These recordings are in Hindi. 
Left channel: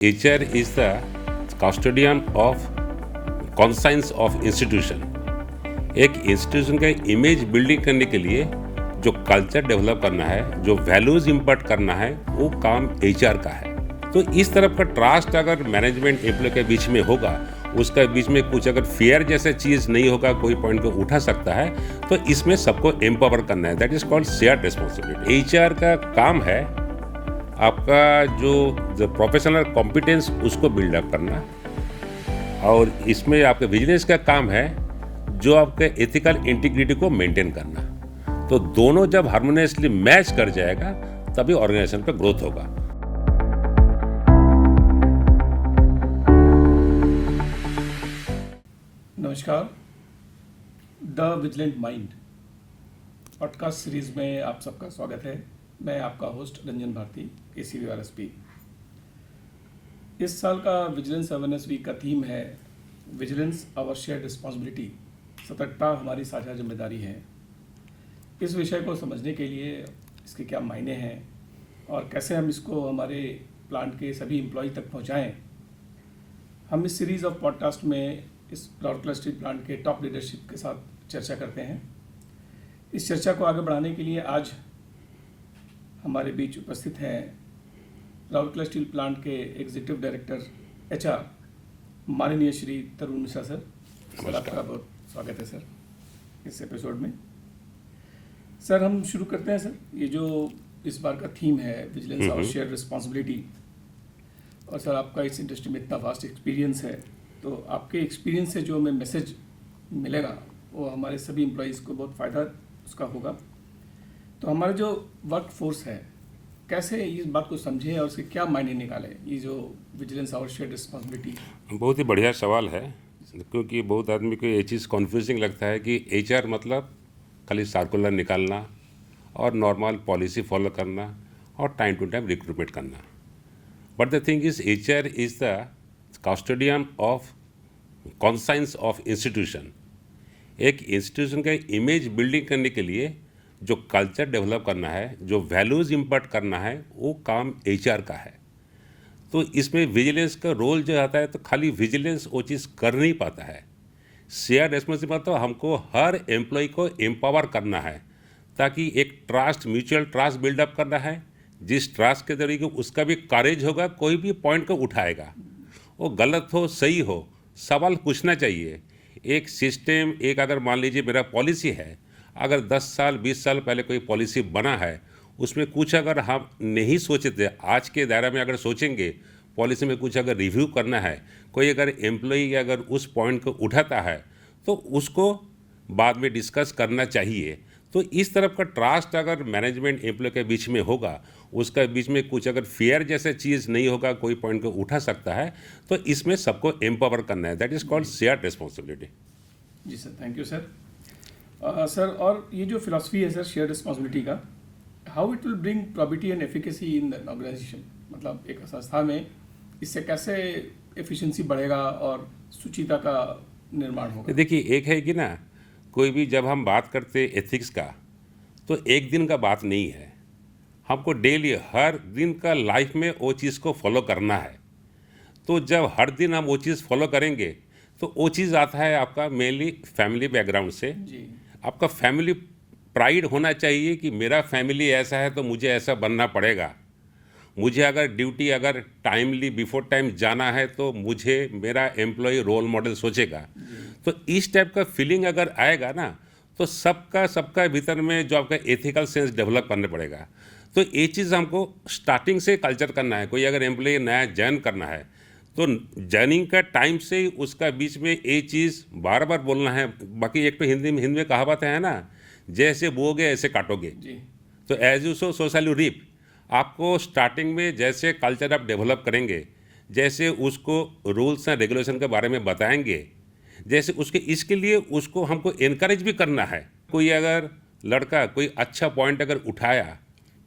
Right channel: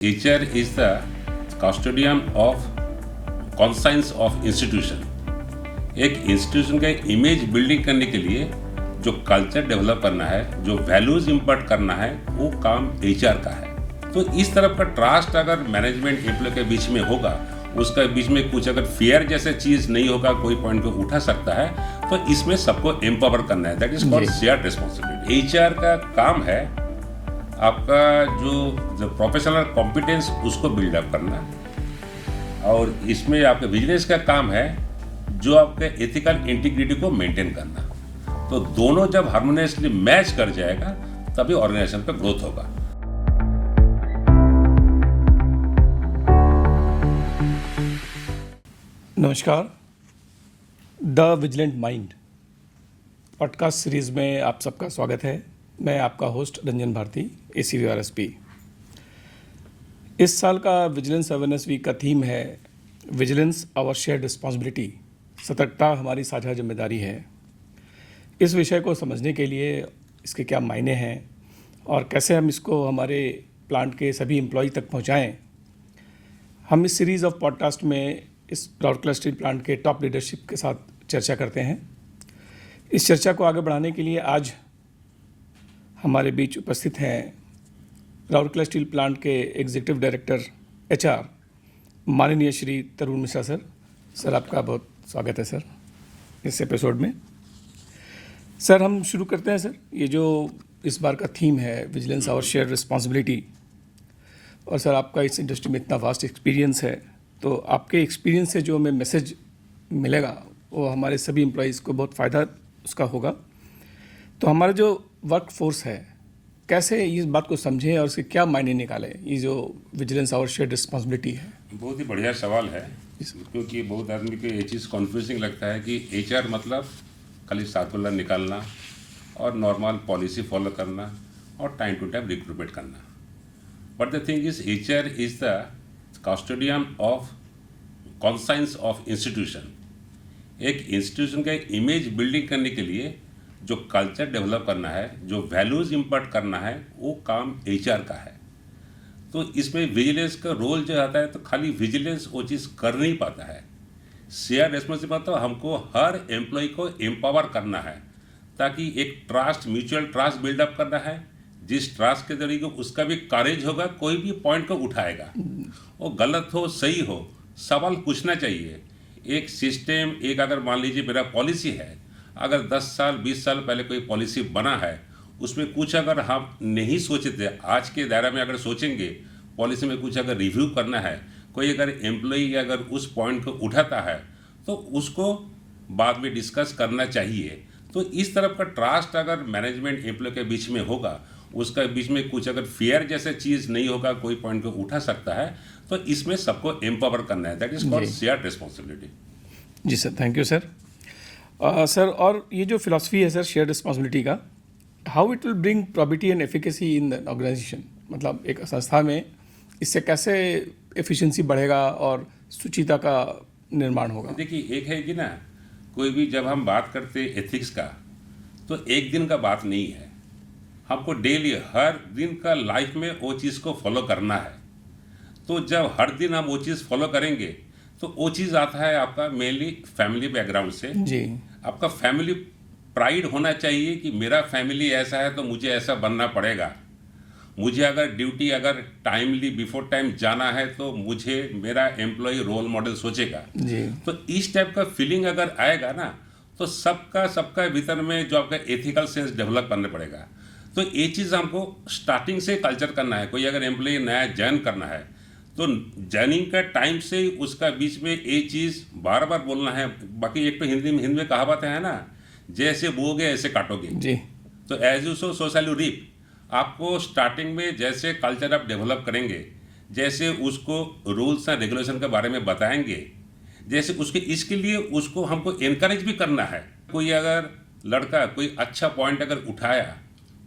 HR is the custodian of conscience of institution। एक इंस्टीट्यूशन का इमेज बिल्डिंग करने के लिए जो कल्चर डेवलप करना है, जो वैल्यूज इम्पोर्ट करना है, वो काम HR का है। तो इस तरफ का ट्रस्ट अगर मैनेजमेंट एम्प्लॉय के बीच में होगा, उसका बीच में कुछ अगर फेयर जैसा चीज नहीं होगा, कोई पॉइंट को उठा सकता है, तो इसमें सबको एम्पावर करना है। That is called shared responsibility. HR का काम है आपका जो प्रोफेशनल कॉम्पिटेंस उसको बिल्डअप करना, और इसमें आपके बिजनेस का काम है जो आपके एथिकल इंटीग्रिटी को मेंटेन करना। तो दोनों जब हार्मोनियसली मैच कर जाएगा तभी ऑर्गेनाइजेशन का ग्रोथ होगा। नमस्कार, the vigilant mind podcast series में आप सबका स्वागत है। मैं आपका होस्ट रंजन भारती, ACVRSP। इस साल का विजिलेंस अवेयरनेस वीक का थीम है विजिलेंस आवर शेयर्ड रिस्पॉन्सिबिलिटी, सतर्कता हमारी साझा जिम्मेदारी है। इस विषय को समझने के लिए इसके क्या मायने हैं और कैसे हम इसको हमारे प्लांट के सभी एम्प्लॉय तक पहुंचाएं, हम इस सीरीज़ ऑफ पॉडकास्ट में इस राउरकेला स्टील प्लांट के टॉप लीडरशिप के साथ चर्चा करते हैं। इस चर्चा को आगे बढ़ाने के लिए आज हमारे बीच उपस्थित हैं राउरकेला स्टील प्लांट के एग्जीक्यूटिव डायरेक्टर HR माननीय श्री तरुण मिश्रा सर। सर, आपका बहुत स्वागत है सर इस एपिसोड में। सर, हम शुरू करते हैं सर। ये जो इस बार का थीम है विजिलेंस और शेयर रिस्पॉन्सिबिलिटी, और सर आपका इस इंडस्ट्री में इतना वास्ट एक्सपीरियंस है, तो आपके एक्सपीरियंस से जो हमें मैसेज मिलेगा वो हमारे सभी एम्प्लॉयज़ को बहुत फ़ायदा उसका होगा। तो हमारा जो वर्क फोर्स है कैसे इस बात को समझें और उसके क्या मायने निकालें, ये जो विजिलेंस और शेयर रिस्पॉन्सिबिलिटी है। बहुत ही बढ़िया सवाल है, क्योंकि बहुत आदमी को ये चीज़ कन्फ्यूजिंग लगता है कि HR मतलब खाली सर्कुलर निकालना और नॉर्मल पॉलिसी फॉलो करना और टाइम टू टाइम रिक्रूटमेंट करना। But the thing is HR is the custodian of conscience of institution. एक इंस्टीट्यूशन का इमेज बिल्डिंग करने के लिए जो कल्चर डेवलप करना है, जो वैल्यूज इम्पोर्ट करना है, वो काम HR का है। तो इसमें विजिलेंस का रोल जो आता है, तो खाली विजिलेंस वो चीज़ कर नहीं पाता है। शेयर रिस्पॉन्सिबिलिटी तो हमको हर एम्प्लॉय को एम्पावर करना है, ताकि एक ट्रस्ट, म्यूचुअल ट्रस्ट बिल्डअप करना है। जिस ट्रस्ट के जरिए उसका भी करेज होगा, कोई भी पॉइंट को उठाएगा, वो गलत हो सही हो, सवाल पूछना चाहिए। एक सिस्टम, एक अगर मान लीजिए मेरा पॉलिसी है, अगर 10 साल 20 साल पहले कोई पॉलिसी बना है, उसमें कुछ अगर हम नहीं सोचे थे, आज के दायरा में अगर सोचेंगे, पॉलिसी में कुछ अगर रिव्यू करना है, कोई अगर एम्प्लॉई अगर उस पॉइंट को उठाता है, तो उसको बाद में डिस्कस करना चाहिए। तो इस तरफ का ट्रस्ट अगर मैनेजमेंट एम्प्लॉय के बीच में होगा, उसका बीच में कुछ अगर फेयर जैसा चीज़ नहीं होगा, कोई पॉइंट को उठा सकता है, तो इसमें सबको एम्पावर करना है। That is called shared responsibility. जी sir, thank you sir. Sir, और ये जो फिलॉसफी है सर शेयर रिस्पॉन्सिबिलिटी का, how it will bring probity and efficacy in the organisation, मतलब एक संस्था में इससे कैसे एफिशिएंसी बढ़ेगा और सुचिता का निर्माण होगा। देखिए, एक है कि ना, कोई भी जब हम बात करते एथिक्स का, तो एक दिन का बात नहीं है। हमको डेली हर दिन का लाइफ में वो चीज़ को फॉलो करना है। तो जब हर दिन हम वो चीज़ फॉलो करेंगे, तो वो चीज़ आता है आपका मेनली फैमिली बैकग्राउंड से। जी, आपका फैमिली प्राइड होना चाहिए कि मेरा फैमिली ऐसा है तो मुझे ऐसा बनना पड़ेगा। मुझे अगर ड्यूटी अगर टाइमली बिफोर टाइम जाना है, तो मुझे मेरा एम्प्लॉय रोल मॉडल सोचेगा। जी, तो इस टाइप का फीलिंग अगर आएगा ना, तो सबका भीतर में जो आपका एथिकल सेंस डेवलप करने पड़ेगा। तो ये चीज़ हमको स्टार्टिंग से कल्चर करना है। कोई अगर एम्प्लॉय नया ज्वाइन करना है, तो ज्वाइनिंग का टाइम से ही उसका बीच में ये चीज़ बार बार बोलना है। बाकी एक तो हिंदी में कहावत है ना, जैसे बोओगे ऐसे काटोगे। जी, तो as you sow shall you reap. आपको स्टार्टिंग में जैसे कल्चर आप डेवलप करेंगे, जैसे उसको रूल्स एंड रेगुलेशन के बारे में बताएंगे, जैसे उसके इसके लिए उसको हमको इनकरेज भी करना है। कोई अगर लड़का कोई अच्छा पॉइंट अगर उठाया,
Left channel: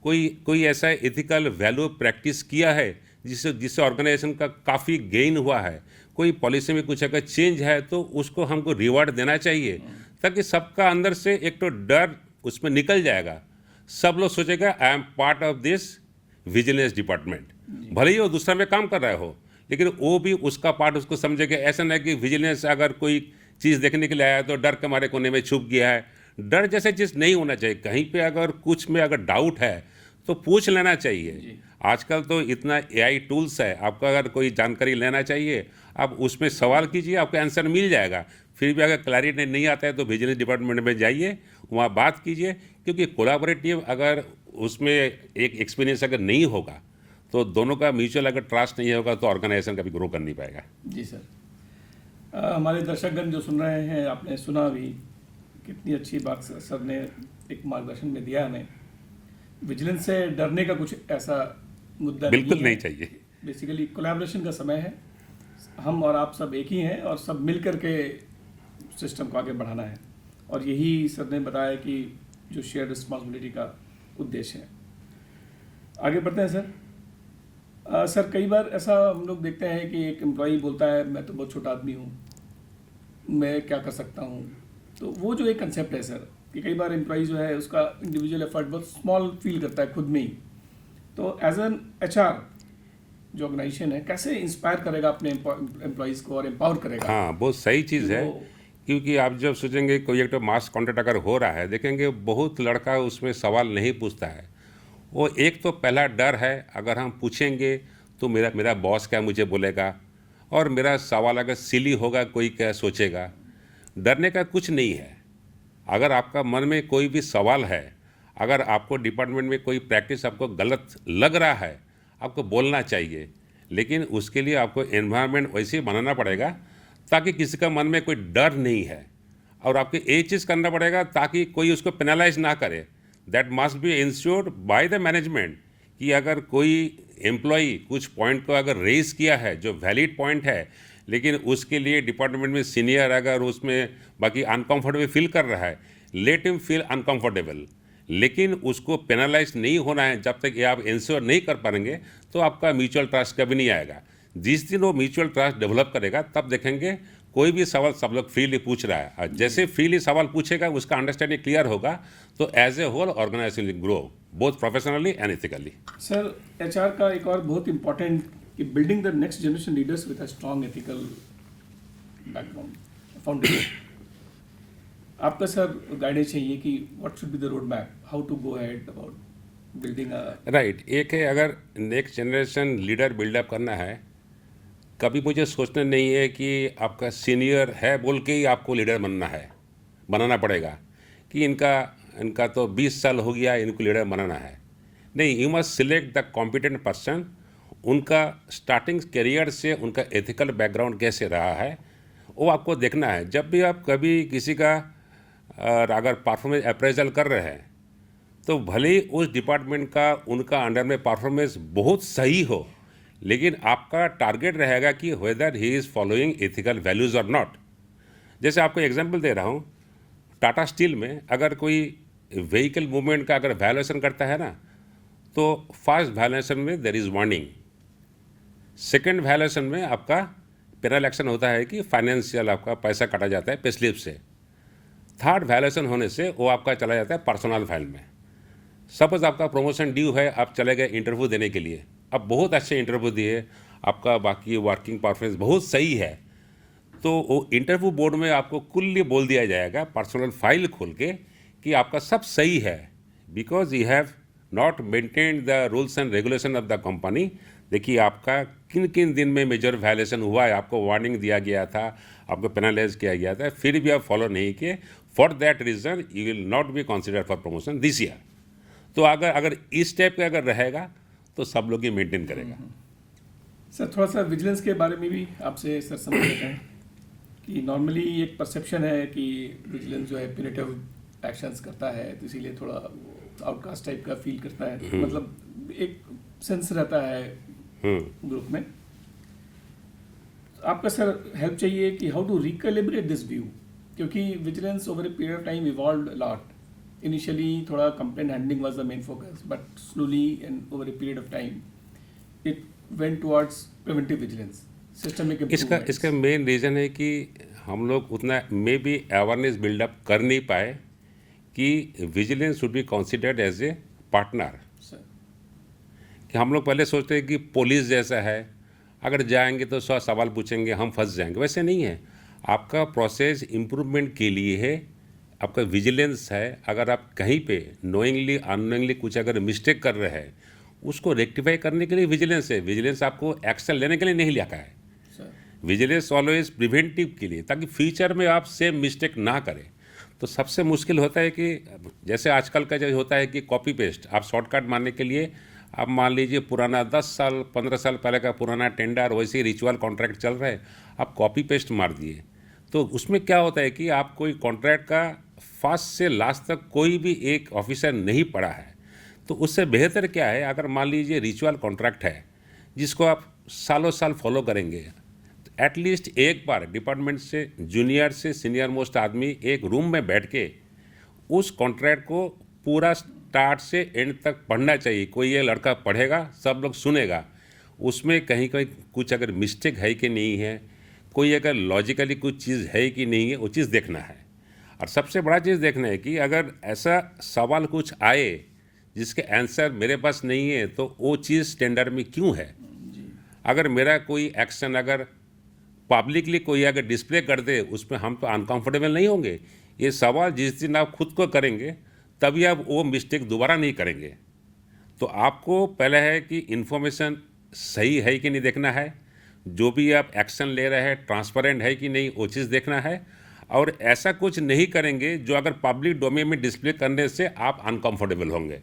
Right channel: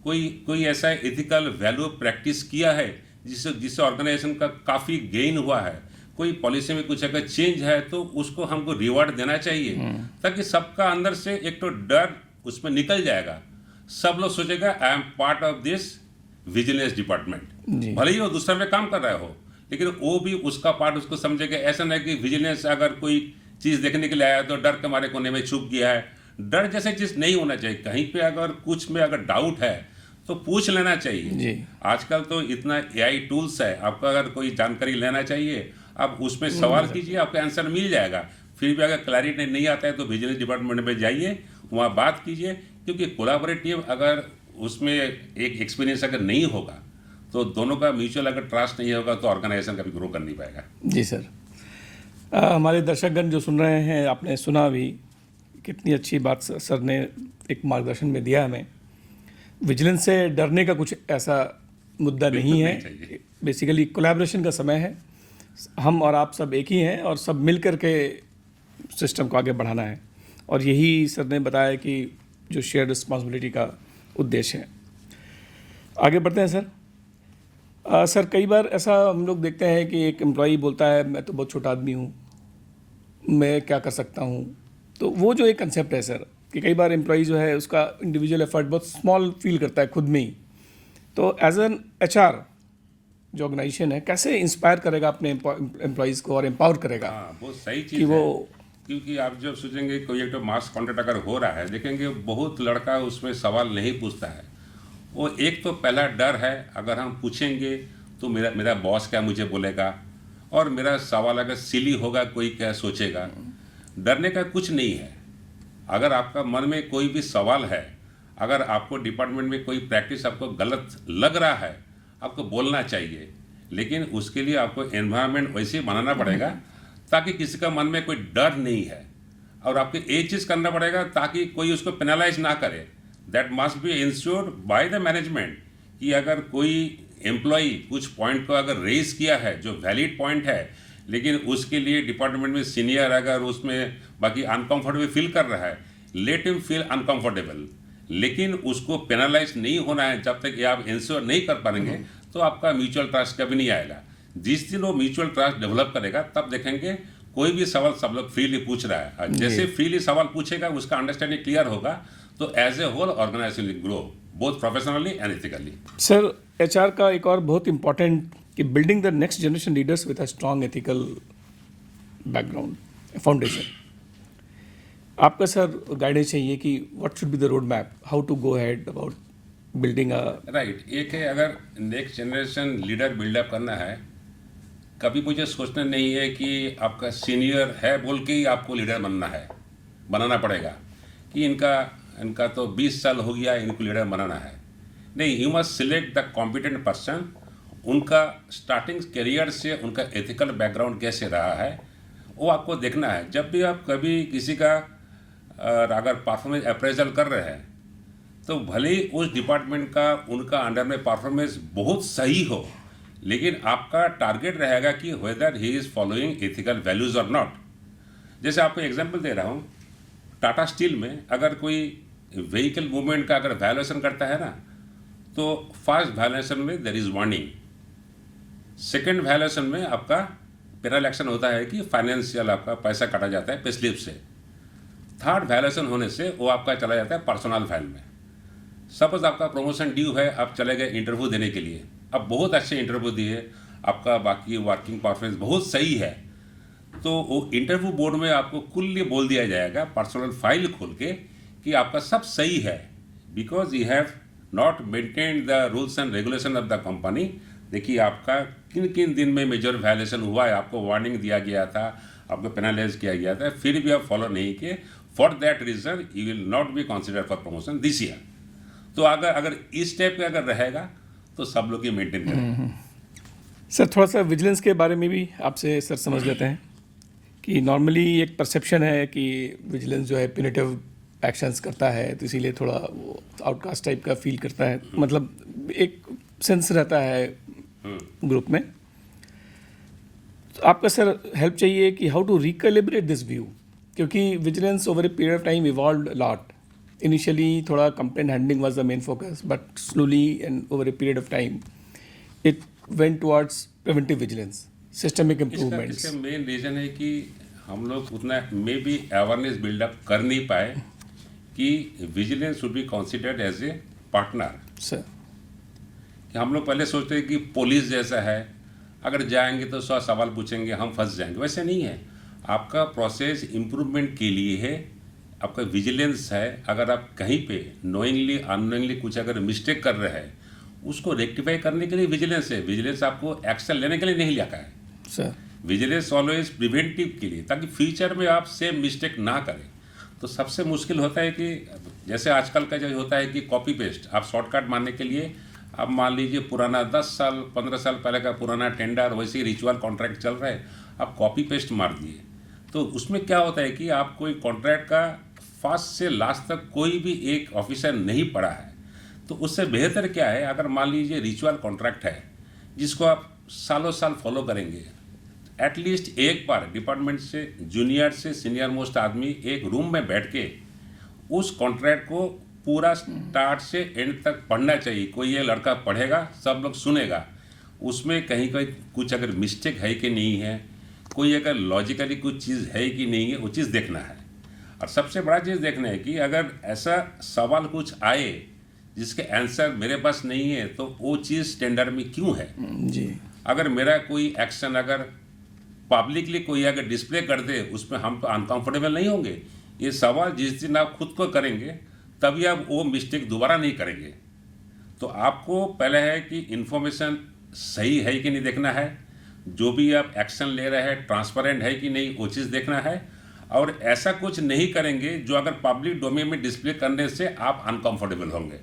कोई ऐसा एथिकल वैल्यू प्रैक्टिस किया है जिससे ऑर्गेनाइजेशन का काफ़ी गेन हुआ है, कोई पॉलिसी में कुछ अगर चेंज है, तो उसको हमको रिवार्ड देना चाहिए, ताकि सबका अंदर से एक तो डर उसमें निकल जाएगा। सब लोग सोचेगा I am part of this vigilance department. भले ही वो दूसरा में काम कर रहा हो, लेकिन वो भी उसका पार्ट उसको समझेगा। ऐसा नहीं कि विजिलेंस अगर कोई चीज़ देखने के लिए आया तो डर के मारे कोने में छुप गया है। डर जैसे चीज़ नहीं होना चाहिए। कहीं पे अगर कुछ में अगर डाउट है तो पूछ लेना चाहिए। जी। आजकल तो इतना एआई टूल्स है, आपको अगर कोई जानकारी लेना चाहिए आप उसमें सवाल कीजिए, आपका आंसर मिल जाएगा। फिर भी अगर क्लैरिटी नहीं आता है तो विजिलेंस डिपार्टमेंट में जाइए, वहाँ बात कीजिए, क्योंकि कोलैबोरेटिव अगर उसमें एक एक्सपीरियंस अगर नहीं होगा तो दोनों का म्यूचुअल अगर ट्रस्ट नहीं होगा तो ऑर्गेनाइजेशन कभी ग्रो कर नहीं पाएगा। जी सर। हमारे दर्शकगण जो सुन रहे हैं, आपने सुना भी कितनी अच्छी बात सर ने एक मार्गदर्शन में दिया हमें। विजिलेंस से डरने का कुछ ऐसा मुद्दा बिल्कुल नहीं है। नहीं चाहिए। बेसिकली कोलैबोरेशन का समय है, हम और आप सब एक ही हैं और सब मिल कर के सिस्टम को आगे बढ़ाना है, और यही सर ने बताया कि जो शेयर रिस्पॉन्सिबिलिटी का उद्देश्य है। आगे बढ़ते हैं सर। सर कई बार ऐसा हम लोग देखते हैं कि एक एम्प्लॉई बोलता है मैं तो बहुत छोटा आदमी हूँ, मैं क्या कर सकता हूँ। तो वो जो एक कंसेप्ट है सर, कि कई बार एम्प्लॉई जो है उसका इंडिविजुअल एफर्ट बहुत स्मॉल फील करता है खुद में ही। तो एज एन एचआर जो ऑर्गेनाइजेशन है, कैसे इंस्पायर करेगा अपने एम्प्लॉयज़ को और एम्पावर करेगा? हाँ, बहुत सही कि चीज़ है। वो क्योंकि आप जब सोचेंगे कोई एक तो मास कॉन्ट्रैक्ट अगर हो रहा है, देखेंगे बहुत लड़का उसमें सवाल नहीं पूछता है। वो एक तो पहला डर है, अगर हम पूछेंगे तो मेरा मेरा बॉस क्या मुझे बोलेगा, और मेरा सवाल अगर सिली होगा कोई क्या सोचेगा। डरने का कुछ नहीं है। अगर आपका मन में कोई भी सवाल है, अगर आपको डिपार्टमेंट में कोई प्रैक्टिस आपको गलत लग रहा है, आपको बोलना चाहिए। लेकिन उसके लिए आपको एनवायरनमेंट वैसे बनाना पड़ेगा ताकि किसी का मन में कोई डर नहीं है। और आपको एक चीज़ करना पड़ेगा ताकि कोई उसको पेनलाइज ना करे। That must be insured by the management, कि अगर कोई एम्प्लॉई कुछ पॉइंट को अगर रेज किया है जो वैलिड पॉइंट है, लेकिन उसके लिए डिपार्टमेंट में सीनियर अगर उसमें बाकी अनकंफर्टेबल फील कर रहा है, लेट हिम फील अनकंफर्टेबल। लेकिन उसको पेनलाइज नहीं होना है। जब तक ये आप इंश्योर नहीं कर पाएंगे तो आपका म्यूचुअल ट्रस्ट कभी नहीं आएगा। जिस दिन वो म्यूचुअल ट्रस्ट डेवलप करेगा तब देखेंगे कोई भी सवाल सब लोग फ्रीली पूछ रहा है, और जैसे फ्रीली सवाल पूछेगा उसका अंडरस्टैंडिंग क्लियर होगा तो as a whole organisation will grow both professionally and ethically. Sir HR का एक और बहुत इंपॉर्टेंट कि building the next generation leaders with a strong ethical background foundation. आपका सर गाइडेंस चाहिए कि what should be the road map, how to go ahead about building a right. एक है अगर नेक्स्ट जनरेशन लीडर बिल्डअप करना है, कभी मुझे सोचना नहीं है कि आपका सीनियर है बोल के ही आपको लीडर बनना है, बनाना पड़ेगा कि इनका तो 20 साल हो गया, इनको लीडर बनाना है। नहीं, you must select the competent person. उनका स्टार्टिंग करियर से उनका एथिकल बैकग्राउंड कैसे रहा है वो आपको देखना है। जब भी आप कभी किसी का अगर परफॉर्मेंस अप्रेजल कर रहे हैं तो भले ही उस डिपार्टमेंट का उनका अंडर में परफॉर्मेंस बहुत सही हो, लेकिन आपका टारगेट रहेगा कि weather he is following ethical values और नॉट। जैसे आपको एग्जांपल दे रहा हूँ, टाटा स्टील में अगर कोई व्हीकल मूवमेंट का अगर वायलेशन करता है ना, तो फर्स्ट वायलेशन में there is warning, second violation में आपका पेनल एक्शन होता है कि फाइनेंशियल आपका पैसा काटा जाता है पे स्लिप से, थर्ड वायलेशन होने से वो आपका चला जाता है पर्सनल फाइल में। सपोज आपका प्रमोशन ड्यू है, आप चले गए इंटरव्यू देने के लिए, आप बहुत अच्छे इंटरव्यू दिए, आपका बाकी वर्किंग परफॉर्मेंस बहुत सही है, तो वो इंटरव्यू बोर्ड में आपको कुल्ली बोल दिया जाएगा पर्सनल फाइल खोल के कि आपका सब सही है, because you have not maintain the rules and regulation of the company. देखिए आपका किन किन दिन में मेजर वायलेशन हुआ है, आपको वार्निंग दिया गया था, आपको पेनलाइज किया गया था, फिर भी आप फॉलो नहीं किए। For that reason you will not be consider for promotion this year. तो अगर इस टाइप का अगर रहेगा तो सब लोग ये मेंटेन करेंगे। सर थोड़ा सा विजिलेंस के बारे में भी आपसे सर समझ लेते हैं कि नॉर्मली एक परसेप्शन है कि विजिलेंस जो है प्यूनिटिव एक्शंस करता है, तो इसीलिए थोड़ा वो आउटकास्ट टाइप का फील करता है, मतलब एक सेंस रहता है ग्रुप में। तो आपका सर हेल्प चाहिए कि how to recalibrate this view, क्योंकि vigilance over a period of time evolved a lot. Initially, थोड़ा complaint handling was the main focus, but slowly and over a period of time, it went towards preventive vigilance, systemic improvements. इसका मेन रीज़न है कि हम लोग उतना मे बी अवेयरनेस बिल्डअप कर नहीं पाए कि vigilance should be considered as a partner. Sir कि हम लोग पहले सोचते हैं कि पुलिस जैसा है, अगर जाएंगे तो 100 सवाल पूछेंगे, हम फंस जाएंगे। वैसे नहीं है, आपका प्रोसेस इम्प्रूवमेंट के लिए है, आपका विजिलेंस है। अगर आप कहीं पे नोइंगली अननोइंगली कुछ अगर मिस्टेक कर रहे हैं, उसको रेक्टिफाई करने के लिए विजिलेंस है। विजिलेंस आपको एक्शन लेने के लिए नहीं लिया है। सर विजिलेंस ऑलवेज प्रिवेंटिव के लिए, ताकि फ्यूचर में आप सेम मिस्टेक ना करें। तो सबसे मुश्किल होता है कि जैसे आजकल का जो होता है कि कॉपी पेस्ट, आप शॉर्टकट मारने के लिए आप मान लीजिए पुराना 10 साल 15 साल पहले का पुराना टेंडर, वैसे ही रिचुअल कॉन्ट्रैक्ट चल रहे हैं, आप कॉपी पेस्ट मार दिए। तो उसमें क्या होता है कि आप कोई कॉन्ट्रैक्ट का फर्स्ट से लास्ट तक कोई भी एक ऑफिसर नहीं पढ़ा है। तो उससे बेहतर क्या है, अगर मान लीजिए रिचुअल कॉन्ट्रैक्ट है जिसको आप सालों साल फॉलो करेंगे, एटलीस्ट एक बार डिपार्टमेंट से जूनियर से सीनियर मोस्ट आदमी एक रूम में बैठ के उस कॉन्ट्रैक्ट को पूरा स्टार्ट से एंड तक पढ़ना चाहिए। कोई ये लड़का पढ़ेगा, सब लोग सुनेगा, उसमें कहीं कहीं कुछ अगर मिस्टेक है कि नहीं है, कोई अगर लॉजिकली कुछ चीज़ है कि नहीं है, वो चीज़ देखना है। और सबसे बड़ा चीज़ देखना है कि अगर ऐसा सवाल कुछ आए जिसके आंसर मेरे पास नहीं है, तो वो चीज़ टेंडर में क्यों है। जी अगर मेरा कोई एक्शन अगर पब्लिकली कोई अगर डिस्प्ले कर दे, उसमें हम तो अनकंफर्टेबल नहीं होंगे। ये सवाल जिस दिन आप खुद को करेंगे, तभी आप वो मिस्टेक दोबारा नहीं करेंगे। तो आपको पहले है कि इन्फॉर्मेशन सही है कि नहीं देखना है, जो भी आप एक्शन ले रहे हैं ट्रांसपेरेंट है कि नहीं, वो चीज़ देखना है। और ऐसा कुछ नहीं करेंगे जो अगर पब्लिक डोमेन में डिस्प्ले करने से आप अनकंफर्टेबल होंगे।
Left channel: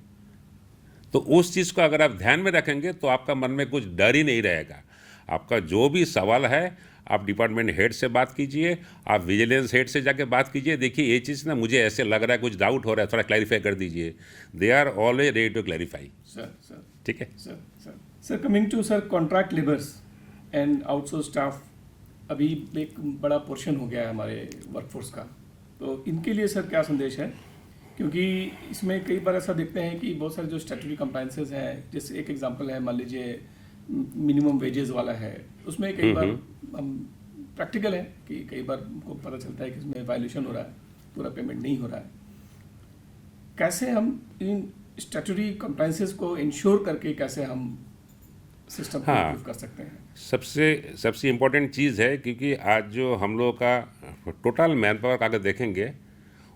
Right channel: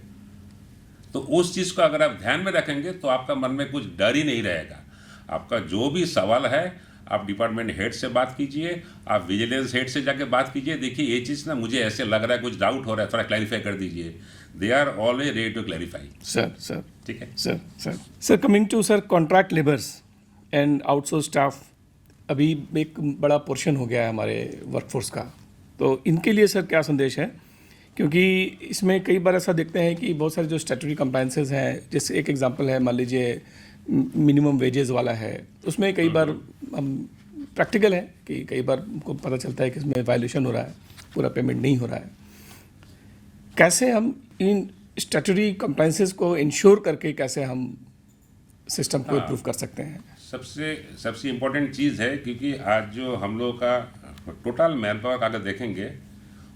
तो उस चीज़ को अगर आप ध्यान में रखेंगे तो आपका मन में कुछ डर ही नहीं रहेगा। आपका जो भी सवाल है, आप डिपार्टमेंट हेड से बात कीजिए, आप विजिलेंस हेड से जाके बात कीजिए, देखिए ये चीज़ ना मुझे ऐसे लग रहा है, कुछ डाउट हो रहा है, थोड़ा क्लैरिफाई कर दीजिए। They are always ready to clarify. Sir ठीक है sir coming to sir contract labours and outsource staff, अभी एक बड़ा पोर्शन हो गया है हमारे वर्कफोर्स का, तो इनके लिए सर क्या संदेश है? क्योंकि इसमें कई बार ऐसा देखते हैं कि बहुत सारे जो स्टैट्यूटरी कंप्लायंसेस हैं, जैसे एक एग्जांपल है, मान लीजिए मिनिमम वेजेस वाला है, उसमें कई बार हम प्रैक्टिकल है कि कई बार हमको पता चलता है कि इसमें वायलेशन हो रहा है, पूरा पेमेंट नहीं हो रहा है। कैसे हम इन स्टैट्यूटरी कंप्लायंसेस को इंश्योर करके कैसे हम सिस्टम को इम्प्रूव कर सकते हैं? सबसे इम्पोर्टेंट चीज़ है, क्योंकि आज जो हम लोगों का टोटल मैन पावर अगर देखेंगे,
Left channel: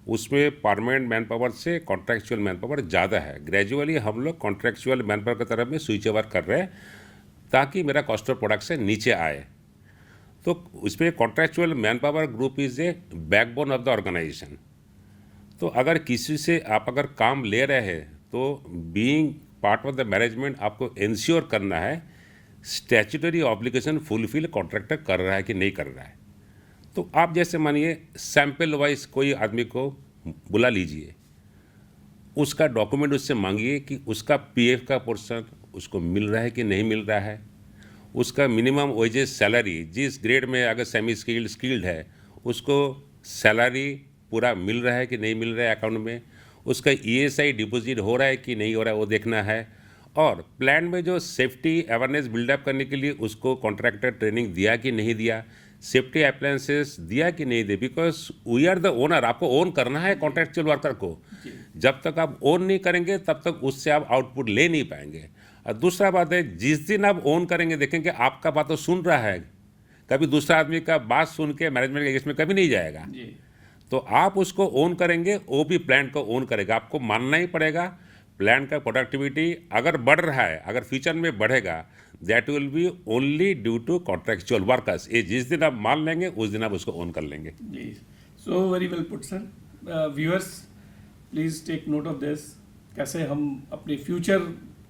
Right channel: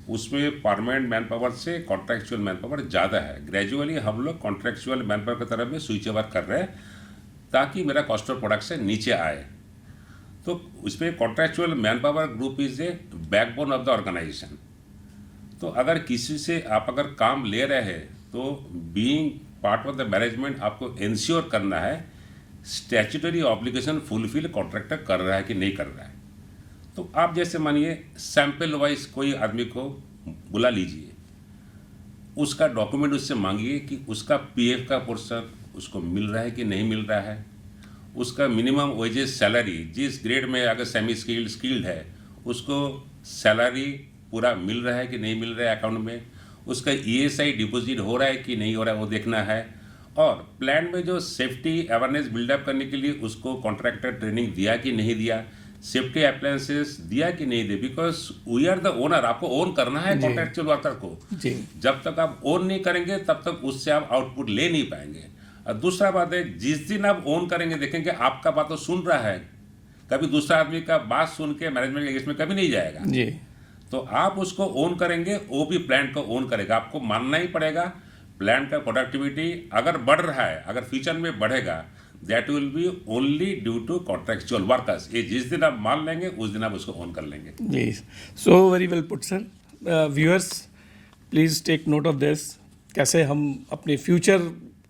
उसमें परमानेंट मैन पावर से कॉन्ट्रैक्चुअल मैन पावर ज़्यादा है। ग्रेजुअली हम लोग कॉन्ट्रैक्चुअल मैन पावर की तरफ में स्विच ओवर कर रहे हैं, ताकि मेरा कॉस्ट ऑफ प्रोडक्शन नीचे आए। तो उसमें contractual manpower group is a backbone of the organisation. तो अगर किसी से आप अगर काम ले रहे हैं, तो being part of the management आपको इंश्योर करना है स्टैट्यूटरी ऑब्लिगेशन फुलफिल कॉन्ट्रैक्टर कर रहा है कि नहीं कर रहा है। तो आप जैसे मानिए सैंपल वाइज कोई आदमी को बुला लीजिए, उसका डॉक्यूमेंट उससे मांगिए कि उसका पीएफ का पोर्शन उसको मिल रहा है कि नहीं मिल रहा है, उसका मिनिमम वेजेस सैलरी जिस ग्रेड में अगर सेमी स्किल्ड है, उसको सैलरी पूरा मिल रहा है कि नहीं मिल रहा है अकाउंट में, उसका ईएसआई डिपॉजिट हो रहा है कि नहीं हो रहा है, वो देखना है। और प्लान में जो सेफ्टी अवेयरनेस बिल्डअप करने के लिए उसको कॉन्ट्रैक्टर ट्रेनिंग दिया कि नहीं दिया, सेफ्टी अप्लायंसेस दिया कि नहीं दिया, because we are the owner. आपको ओन करना है कॉन्ट्रैक्चुअल वर्कर को। जब तक आप ओन नहीं करेंगे, तब तक उससे आप आउटपुट ले नहीं पाएंगे। और दूसरा बात है, जिस दिन आप ओन करेंगे, देखेंगे आपका बात तो सुन रहा है, कभी दूसरा आदमी का बात सुन के मैनेजमेंट के इसमें कभी नहीं जाएगा जी। तो आप उसको ओन करेंगे, वो भी प्लांट को ओन करेगा। आपको मानना ही पड़ेगा प्लांट का प्रोडक्टिविटी अगर बढ़ रहा है, अगर फ्यूचर में बढ़ेगा, that will be only due to contractual workers. ये जिस दिन आप मान लेंगे, उस दिन आप उसको ओन कर लेंगे। जी, so very well put sir. Viewers please take note of this, कैसे हम अपने फ्यूचर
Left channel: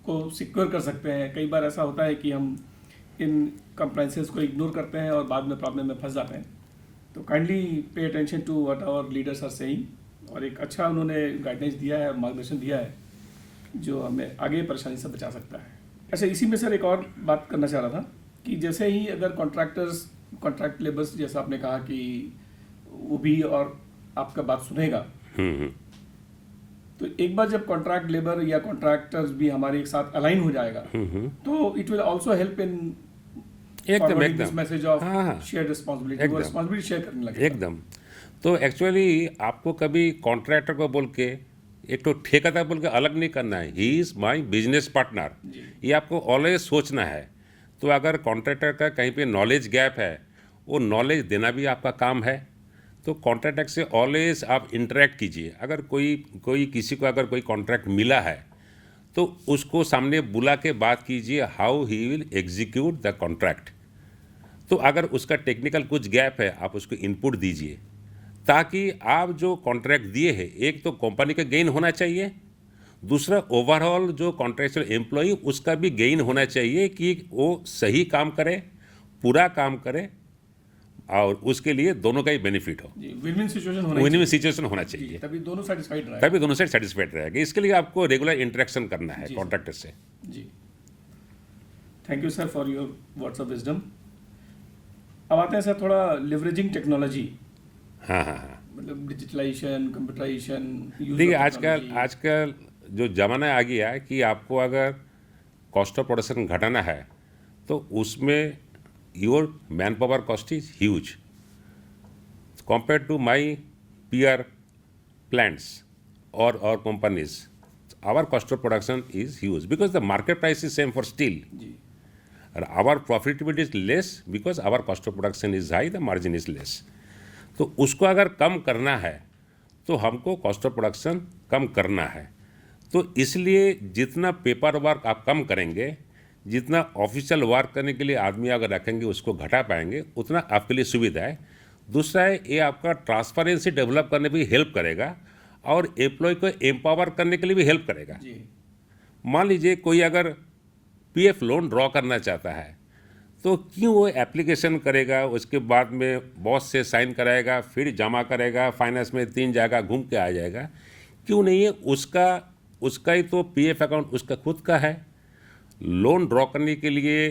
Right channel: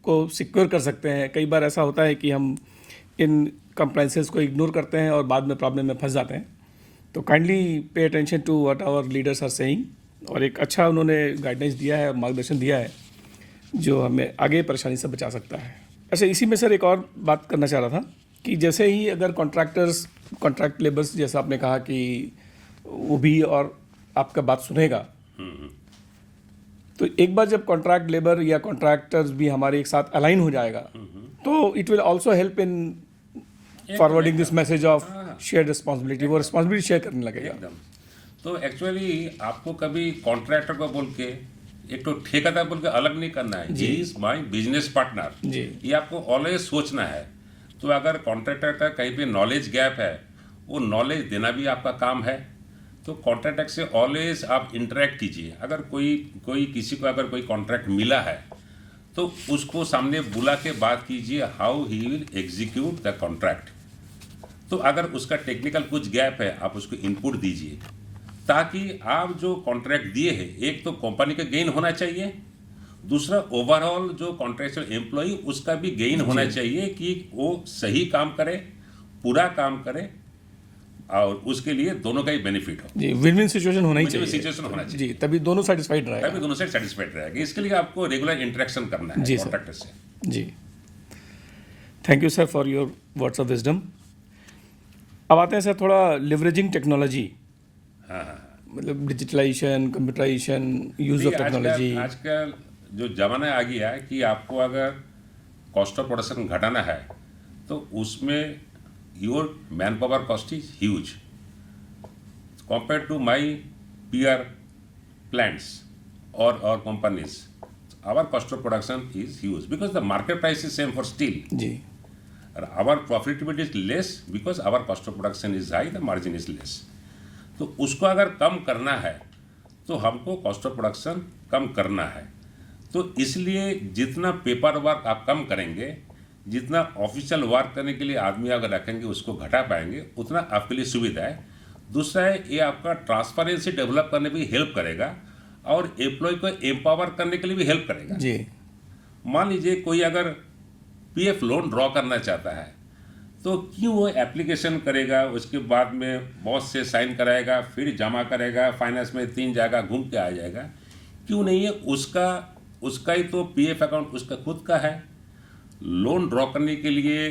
को सिक्योर कर सकते हैं। कई बार ऐसा होता है कि हम इन कंप्लाइंसेस को इग्नोर करते हैं और बाद में प्रॉब्लम में फंस जाते हैं। तो kindly pay attention to what our leaders are saying, और एक अच्छा उन्होंने गाइडेंस दिया है, मार्गदर्शन दिया है, जो हमें आगे परेशानी से बचा सकता है। अच्छा, इसी में सर एक और बात करना चाह रहा था कि जैसे ही अगर कॉन्ट्रैक्ट लेबर्स, जैसा आपने कहा कि वो भी और आपका बात सुनेगा, तो एक बार जब कॉन्ट्रैक्ट लेबर या कॉन्ट्रैक्टर्स भी हमारे एक साथ अलाइन हो जाएगा, तो it will also help in forwarding this message of share responsibility. वो रिस्पांसिबिलिटी शेयर करने लगेगा एकदम। तो एक्चुअली आपको कभी कॉन्ट्रैक्टर को बोल के एक तो ठेकेदार बोल के अलग नहीं करना है। He is my business partner, ये आपको ऑलवेज सोचना है। तो अगर कॉन्ट्रैक्टर का कहीं पे नॉलेज गैप है, वो नॉलेज देना भी आपका काम है। तो कॉन्ट्रैक्टर से ऑलवेज आप इंटरेक्ट कीजिए। अगर कोई किसी को अगर कोई कॉन्ट्रैक्ट मिला है तो उसको सामने बुला के बात कीजिए, how he will execute the contract. तो अगर उसका टेक्निकल कुछ गैप है, आप उसको इनपुट दीजिए, ताकि आप जो कॉन्ट्रैक्ट दिए हैं, एक तो कंपनी का गेन होना चाहिए, दूसरा ओवरऑल जो कॉन्ट्रैक्चुअल एम्प्लॉय उसका भी गेन होना चाहिए कि वो सही काम करे, पूरा काम करे, और उसके लिए दोनों का ही बेनिफिट हो। जी, विन विन सिचुएशन होना विन चाहिए। विन सिचुएशन होना जी, चाहिए, तभी दोनों सेटिस्फाइड रहेगा। तभी दोनों साइड सेटिस्फाइड रहेगा। इसके लिए आपको रेगुलर इंटरेक्शन करना है जी, सर। कॉन्ट्रैक्टर से। जी, thank you sir for your words of wisdom. अब आते हैं सर थोड़ा लिवरेजिंग टेक्नोलॉजी, हाँ हाँ हाँ। मतलब डिजिटलाइजेशन, कंप्यूटराइजेशन, यूज देखिए, ऑफ टेक्नोलॉजी। आजकल जो ज़माना आ गया है कि आपको अगर कॉस्ट ऑफ प्रोडक्शन घटाना है तो उसमें your manpower cost is huge compare to my PR plants और companies. Our cost of production is huge because the market price is same for steel, जी, और our profitability is less because our cost of production is high, the margin is less. तो उसको अगर कम करना है तो हमको कॉस्ट ऑफ प्रोडक्शन कम करना है। तो इसलिए जितना पेपर वर्क आप कम करेंगे, जितना ऑफिशियल वर्क करने के लिए आदमी अगर रखेंगे उसको घटा पाएंगे, उतना आपके लिए सुविधा है। दूसरा है, ये आपका ट्रांसपेरेंसी डेवलप करने में भी हेल्प करेगा और एम्प्लॉय को एम्पावर करने के लिए भी हेल्प करेगा। जी, मान लीजिए कोई अगर पीएफ लोन ड्रॉ करना चाहता है तो क्यों वो एप्लीकेशन करेगा, उसके बाद में बॉस से साइन कराएगा, फिर जमा करेगा, फाइनेंस में 3 जगह घूम के आ जाएगा? क्यों नहीं है? उसका ही तो पीएफ अकाउंट उसका खुद का है। लोन ड्रॉ करने के लिए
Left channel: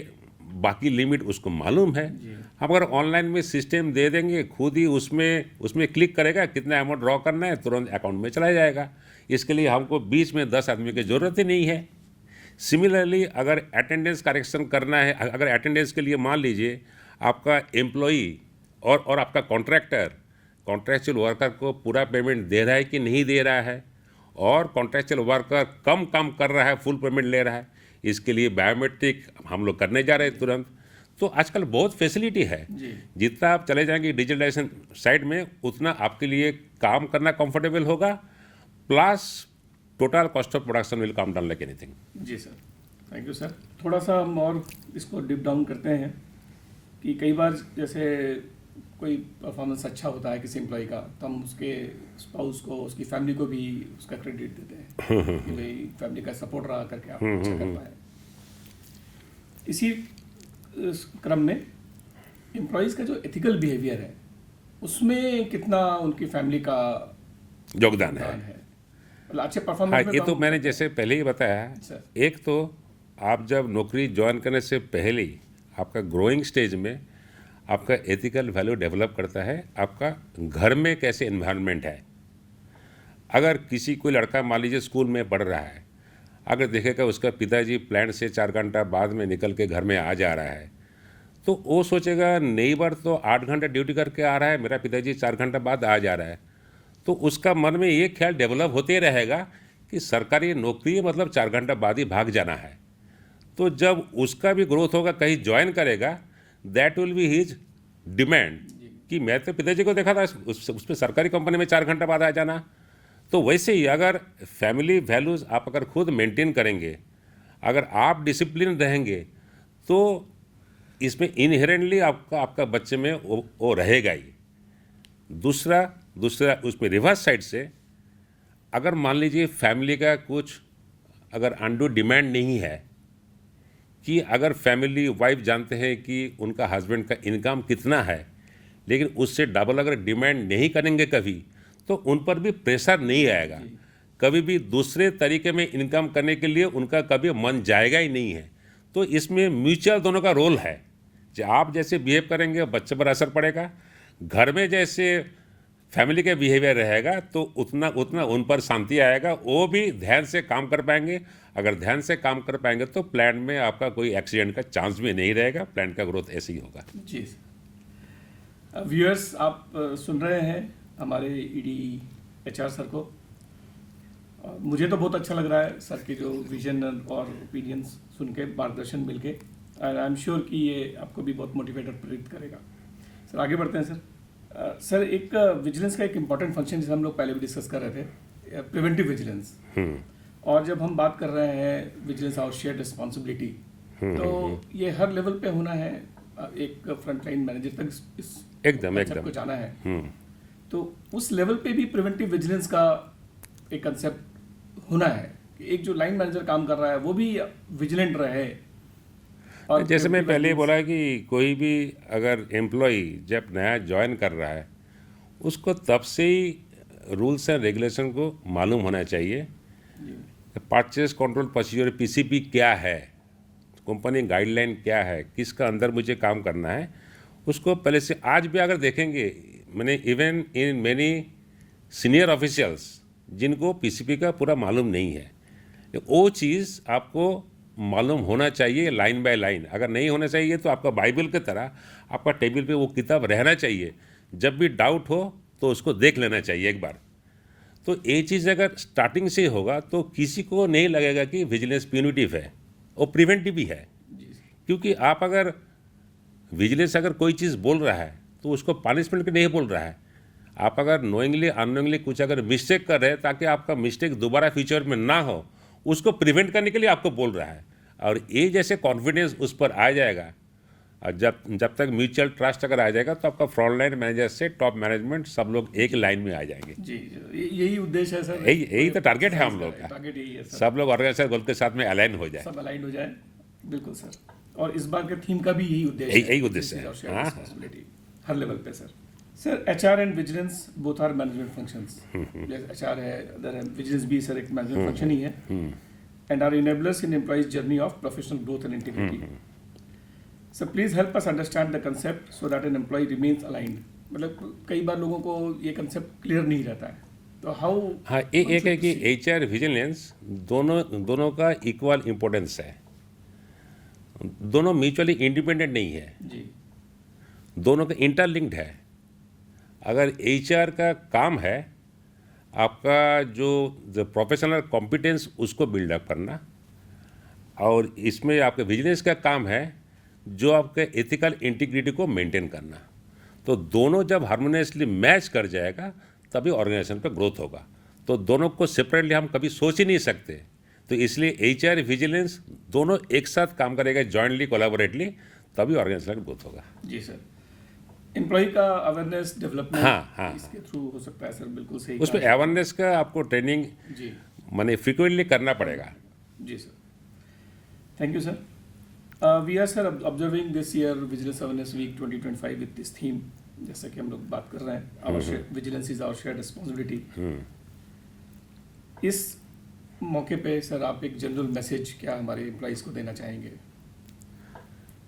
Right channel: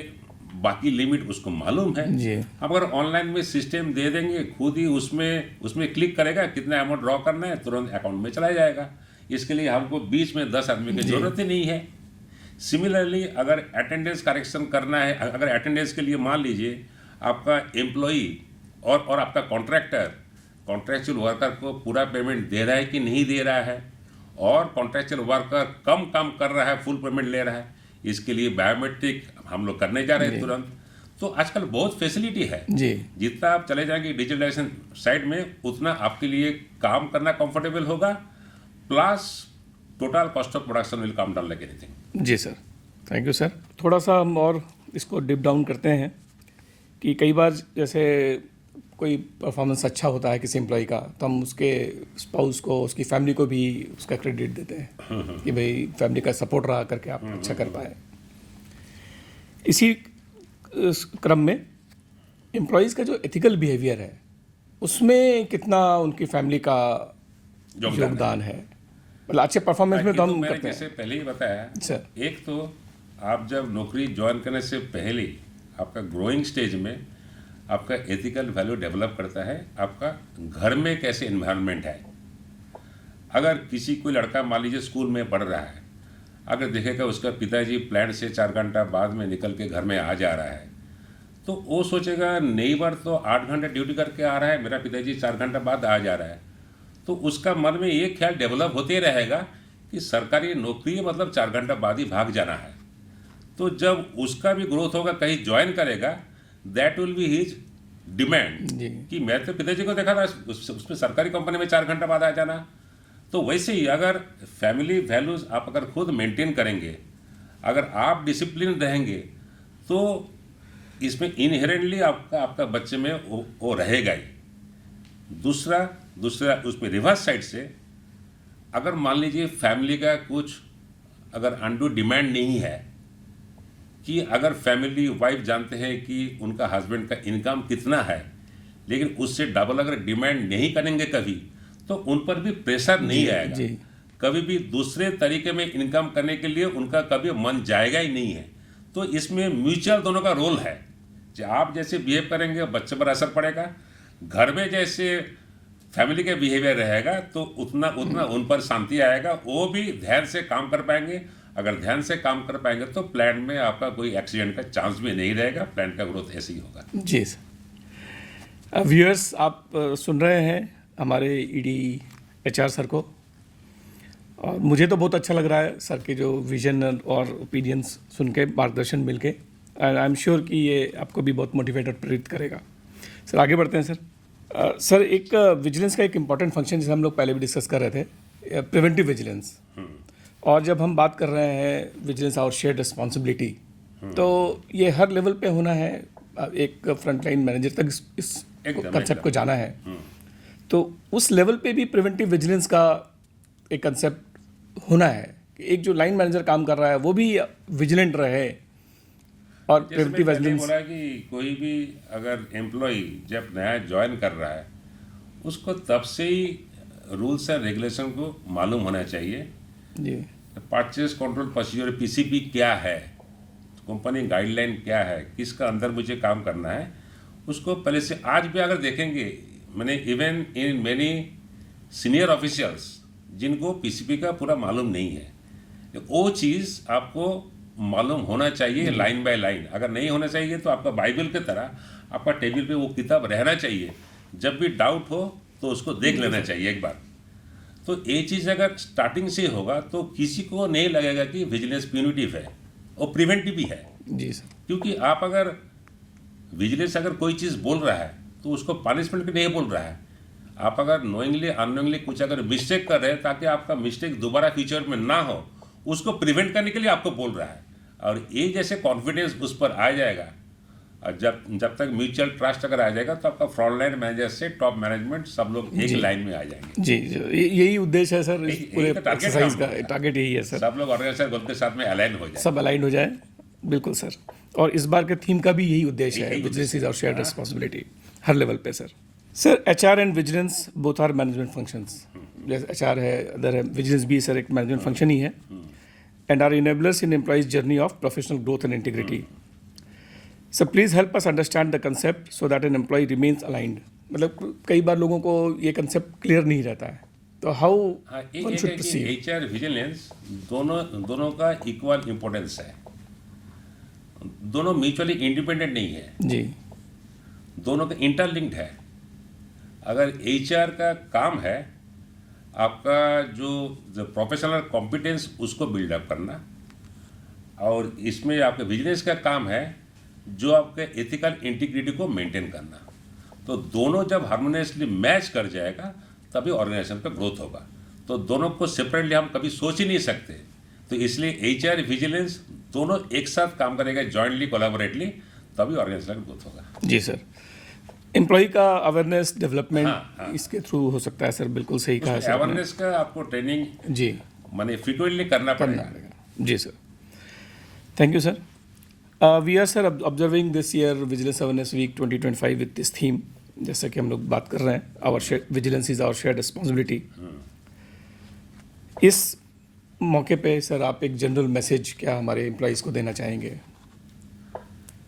बाकी लिमिट उसको मालूम है। जी। हम अगर ऑनलाइन में सिस्टम दे देंगे, खुद ही उसमें क्लिक करेगा, कितना अमाउंट ड्रॉ करना है, तुरंत अकाउंट में चला जाएगा। इसके लिए हमको बीच में 10 आदमी की जरूरत ही नहीं है। सिमिलरली अगर अटेंडेंस करेक्शन करना है, अगर अटेंडेंस के लिए मान लीजिए आपका एम्प्लॉई और आपका कॉन्ट्रैक्चुअल वर्कर को पूरा पेमेंट दे रहा है कि नहीं दे रहा है, और कॉन्ट्रैक्चुअल वर्कर कम काम कर रहा है, फुल पेमेंट ले रहा है, इसके लिए बायोमेट्रिक हम लोग करने जा रहे हैं तुरंत। तो आजकल बहुत फैसिलिटी है। जी, जितना आप चले जाएंगे डिजिटलाइजेशन साइड में, उतना आपके लिए काम करना कंफर्टेबल होगा, plus total cost of production will come down like anything. जी सर, थैंक यू सर। थोड़ा सा हम और इसको डिप डाउन करते हैं कि कई बार जैसे कोई परफॉर्मेंस अच्छा होता है किसी एम्प्लॉय का, तो हम उसके स्पाउस को, उसकी फैमिली को भी उसका क्रेडिट देते हैं कि भाई फैमिली का सपोर्ट रहा करके आप अच्छा कर पाए। इसी क्रम में एम्प्लॉयज़ का जो एथिकल बिहेवियर है, उसमें कितना उनकी फैमिली का योगदान है? मतलब अच्छे परफॉर्मेंस में ये तो हम मैंने करते हैं। जैसे पहले ही बताया, सर, एक तो आप जब नौकरी ज्वाइन करने से पहले ही आपका ग्रोइंग स्टेज में आपका एथिकल वैल्यू डेवलप करता है। आपका घर में कैसे एनवायरनमेंट है, अगर किसी कोई लड़का मान लीजिए स्कूल में पढ़ रहा है, अगर देखेगा उसका पिताजी प्लांट से 4 घंटा बाद में निकल के घर में आ जा रहा है, तो वो सोचेगा नेबर तो 8 घंटा ड्यूटी करके आ रहा है, मेरा पिताजी 4 घंटा बाद आ जा रहा है। तो उसका मन में ये ख्याल डेवलप होते रहेगा कि सरकारी नौकरी है मतलब 4 घंटा बाद ही भाग जाना है। तो जब उसका भी ग्रोथ होगा, कहीं ज्वाइन करेगा, that will be his demand जी। कि मैं तो पिताजी को देखा था उसमें सरकारी कंपनी में 4 घंटा बाद आ जाना। तो वैसे ही अगर फैमिली वैल्यूज आप अगर खुद मेंटेन करेंगे, अगर आप डिसिप्लिन रहेंगे, तो इसमें इनहेरेंटली आपका बच्चे में वो रहेगा ही। दूसरा उसमें रिवर्स साइड से, अगर मान लीजिए फैमिली का कुछ अगर अंडू डिमांड नहीं है, कि अगर फैमिली वाइफ जानते हैं कि उनका हस्बैंड का इनकम कितना है, लेकिन उससे डबल अगर डिमांड नहीं करेंगे कभी, तो उन पर भी प्रेशर नहीं आएगा। जी। कभी भी दूसरे तरीके में इनकम करने के लिए उनका कभी मन जाएगा ही नहीं है। तो इसमें म्यूचुअल दोनों का रोल है। जो आप जैसे बिहेव करेंगे बच्चे पर असर पड़ेगा, घर में जैसे फैमिली का बिहेवियर रहेगा तो उतना उन पर शांति आएगा, वो भी ध्यान से काम कर पाएंगे। अगर ध्यान से काम कर पाएंगे तो प्लांट में आपका कोई एक्सीडेंट का चांस भी नहीं रहेगा, प्लांट का ग्रोथ ऐसे ही होगा। जी सर। व्यूअर्स, आप सुन रहे हैं हमारे ईडी एचआर सर को, और मुझे तो बहुत अच्छा लग रहा है सर के जो विजन और ओपिनियंस सुन के, मार्गदर्शन मिल के। एंड आई एम श्योर कि ये आपको भी बहुत मोटिवेट और प्रेरित करेगा। सर आगे बढ़ते हैं सर। सर एक विजिलेंस का एक इम्पॉर्टेंट फंक्शन जिसे हम लोग पहले भी डिस्कस कर रहे थे, प्रिवेंटिव विजिलेंस। और जब हम बात कर रहे हैं विजिलेंस और शेयर्ड रिस्पॉन्सिबिलिटी, तो ये हर लेवल पे होना है, एक फ्रंटलाइन मैनेजर तक इस कंसेप्ट को जाना है। तो उस लेवल पे भी प्रिवेंटिव विजिलेंस का एक कंसेप्ट होना है। एक जो लाइन मैनेजर काम कर रहा है वो भी विजिलेंट रहे। और जैसे मैं पहले ही बोला कि कोई भी अगर एम्प्लॉय जब नया ज्वाइन कर रहा है, उसको तब से ही रूल्स एंड रेगुलेशन को मालूम होना चाहिए। जी, परचेज कंट्रोल प्रोसीजर पीसीपी क्या है, कंपनी गाइडलाइन क्या है, किसका अंदर मुझे काम करना है, उसको पहले से। आज भी अगर देखेंगे, मैंने even in many senior officials जिनको पीसीपी का पूरा मालूम नहीं है, वो चीज़ आपको मालूम होना चाहिए लाइन बाय लाइन। अगर नहीं होना चाहिए तो आपका बाइबल की तरह आपका टेबल पे वो किताब रहना चाहिए। जब भी डाउट हो तो उसको देख लेना चाहिए एक बार। तो ये चीज़ अगर स्टार्टिंग से होगा तो किसी को नहीं लगेगा कि विजिलेंस प्यूनिटिव है, वो प्रिवेंटिव भी है। जी सर। क्योंकि आप अगर विजिलेंस अगर कोई चीज़ बोल रहा है तो उसको पनिशमेंट भी नहीं बोल रहा है। आप अगर नोइंगली अननोइंगली कुछ अगर मिस्टेक कर रहे हैं ताकि आपका मिस्टेक दोबारा फ्यूचर में ना हो, उसको प्रिवेंट करने के लिए आपको बोल रहा है। और ये जैसे कॉन्फिडेंस उस पर आ जाएगा, और जब तक म्यूचुअल ट्रस्ट अगर आ जाएगा तो आपका फ्रंटलाइन मैनेजर से टॉप मैनेजमेंट सब लोग एक लाइन में आ जाएंगे। जी, यही उद्देश्य है सर। यही तो टारगेट है हम लोग का। टारगेट यही है सर, सब लोग ऑर्गेनाइजर ग्रुप के साथ में अलाइन हो जाए, सब अलाइन हो जाए। बिल्कुल सर। और इस बार के थीम का भी यही उद्देश्य है, यही उद्देश्य this is our shared responsibility हर लेवल पे sir. Sir HR and vigilance both are management functions. जैसे एचआर है, अदर है, विजिलेंस भी सर एक मैनेजमेंट फंक्शन ही है। And are enablers in employees journey of professional growth and integrity. So please help us understand the concept so that an employee remains aligned. मतलब कई बार लोगों को ये कंसेप्ट क्लियर नहीं रहता है, तो हाउ। हाँ, एक है कि एचआर विजिलेंस दोनों का इक्वल इम्पोर्टेंस है। दोनों म्यूचुअली इंडिपेंडेंट नहीं है जी, दोनों का इंटरलिंक्ड है। अगर एचआर का काम है आपका जो प्रोफेशनल कॉम्पिटेंस उसको बिल्डअप करना, और इसमें आपके विजिलेंस का काम है जो आपके एथिकल इंटीग्रिटी को मेंटेन करना। तो दोनों जब हार्मोनियसली मैच कर जाएगा तभी ऑर्गेनाइजेशन का ग्रोथ होगा। तो दोनों को सेपरेटली हम कभी सोच ही नहीं सकते। तो इसलिए एचआर विजिलेंस दोनों एक साथ काम करेगा, जॉइंटली कोलैबोरेटली, तभी ऑर्गेनाइजेशन का ग्रोथ होगा। जी सर। एम्प्लॉय का अवेयरनेस डेवलपमेंट हाँ। इसके थ्रू हो सकता है सर, बिल्कुल सही कहा उसमें सर आपने। अवेयरनेस का आपको ट्रेनिंग जी माने फ्रीक्वेंटली करना पड़ेगा। जी sir, thank you sir. We are sir observing this year vigilance awareness week 2025 with this theme. जैसे कि हम लोग बात कर रहे हैं, our vigilance is our shared responsibility. इस मौके पे सर आप एक जनरल मैसेज क्या हमारे एम्प्लॉइज को देना चाहेंगे?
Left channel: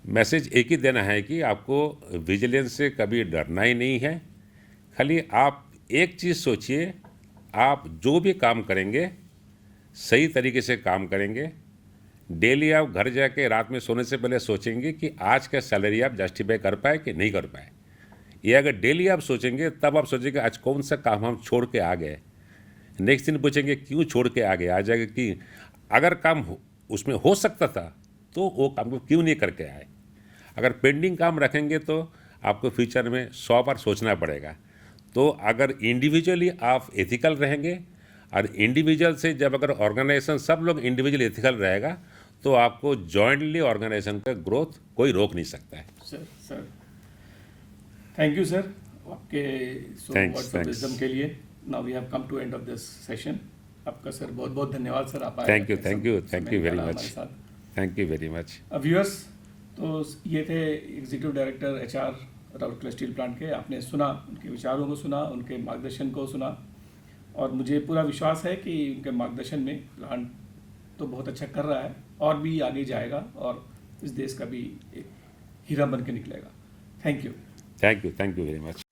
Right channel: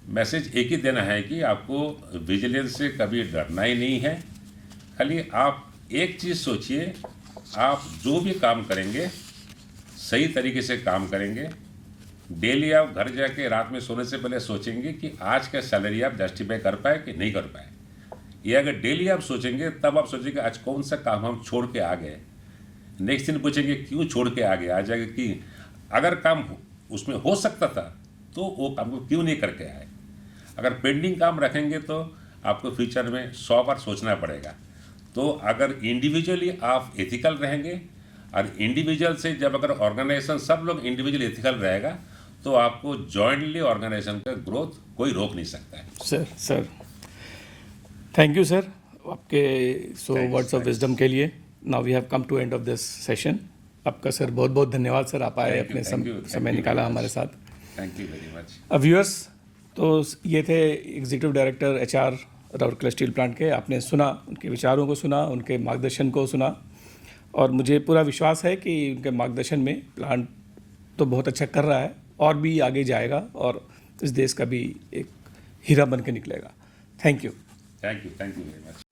मैसेज एक ही देना है कि आपको विजिलेंस से कभी डरना ही नहीं है। खाली आप एक चीज़ सोचिए, आप जो भी काम करेंगे सही तरीके से काम करेंगे। डेली आप घर जाके रात में सोने से पहले सोचेंगे कि आज का सैलरी आप जस्टिफाई कर पाए कि नहीं कर पाए। ये अगर डेली आप सोचेंगे तब आप सोचेंगे आज कौन सा काम हम छोड़ के आ गए। नेक्स्ट दिन पूछेंगे क्यों छोड़ के आ गए। आ जाएगा कि अगर काम उसमें हो सकता था तो वो काम को क्यों नहीं करके आए। अगर पेंडिंग काम रखेंगे तो आपको फ्यूचर में 100 बार सोचना पड़ेगा। तो अगर इंडिविजुअली आप एथिकल रहेंगे, और इंडिविजुअल से जब अगर ऑर्गेनाइजेशन सब लोग इंडिविजुअल एथिकल रहेगा तो आपको जॉइंटली ऑर्गेनाइजेशन का ग्रोथ कोई रोक नहीं सकता है। सर थैंक यू सर आपके वर्ड्स ऑफ thanks. विजडम के लिए। Now we have come to end of this session. आपका सर बहुत बहुत धन्यवाद सर, आप आए, अपने समय निकाला हमारे साथ। Thank you very much. Viewers, तो ये थे executive director HR Rourkela steel plant के। आपने सुना, उनके विचारों को सुना, उनके मार्गदर्शन को सुना, और मुझे पूरा विश्वास है कि उनके मार्गदर्शन में प्लांट तो बहुत अच्छा कर रहा है और भी आगे जाएगा और इस देश का भी एक हीरा बन के निकलेगा। Thank you very much.